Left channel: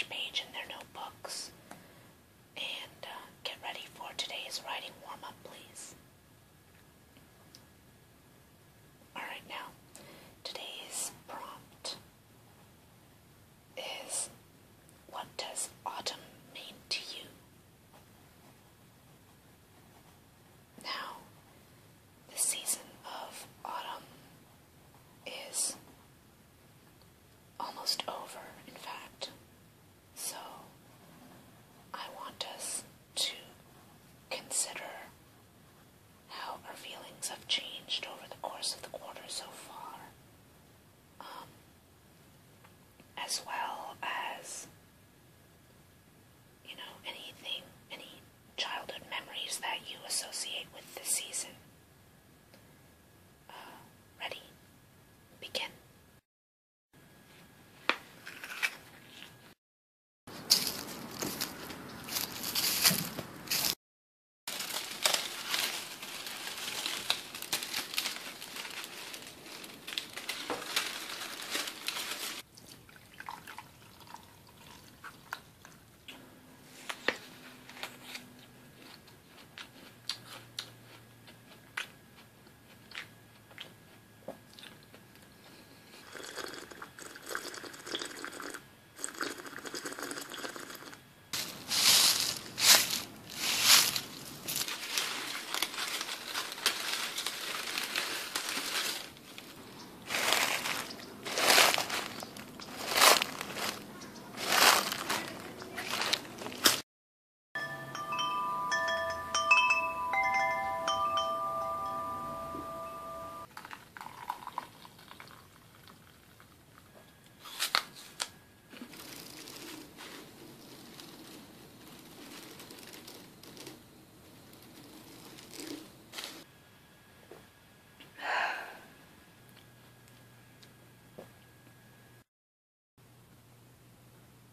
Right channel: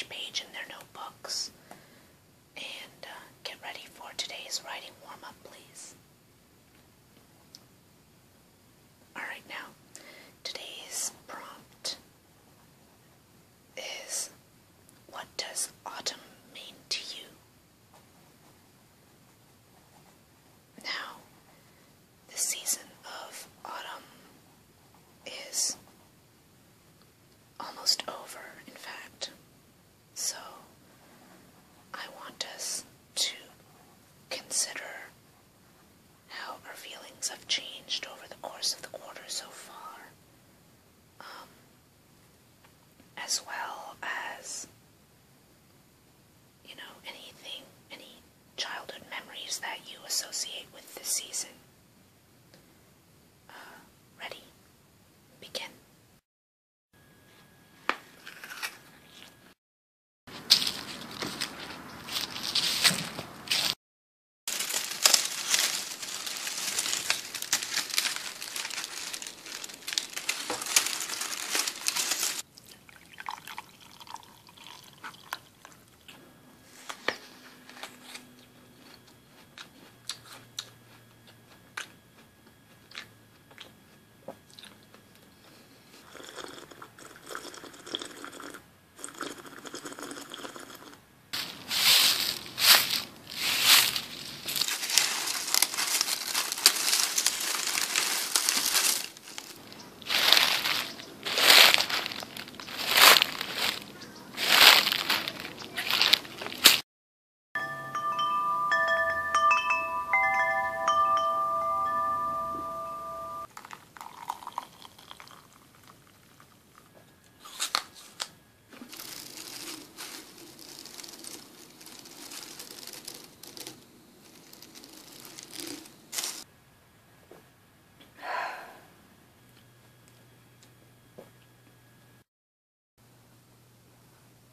fresh page in their notebooks and get ready for today's writing warm-up, please. Alright, now, today's prompt is, what does autumn mean to you? Now, the season of autumn is almost over, in fact. So, I want us to consider how our feelings have changed over the course of the quarter so far, as well as, any childhood memories that you associate with this season. Ready? Begin.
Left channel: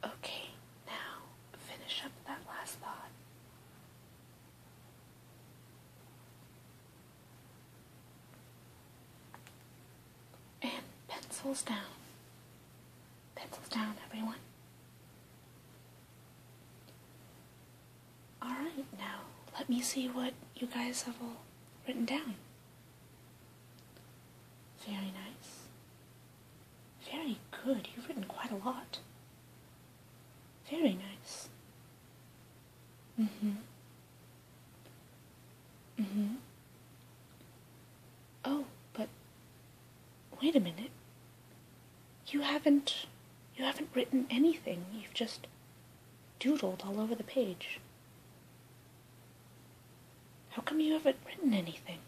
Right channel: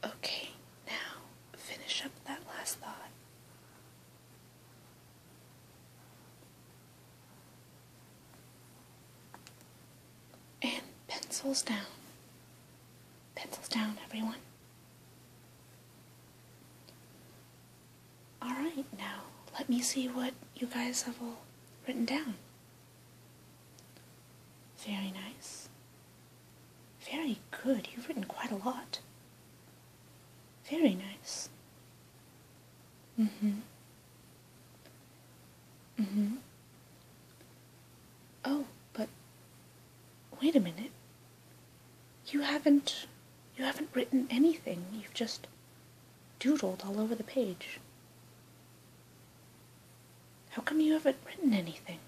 Okay, now finish up that last thought. And pencils down. Pencils down, everyone. Alright, now let me see what you guys have all written down. Very nice. Very good. You've written quite a lot. Very nice. Oh, but wait a minute. You haven't written anything. You've just doodled all over the page. How come you haven't written anything?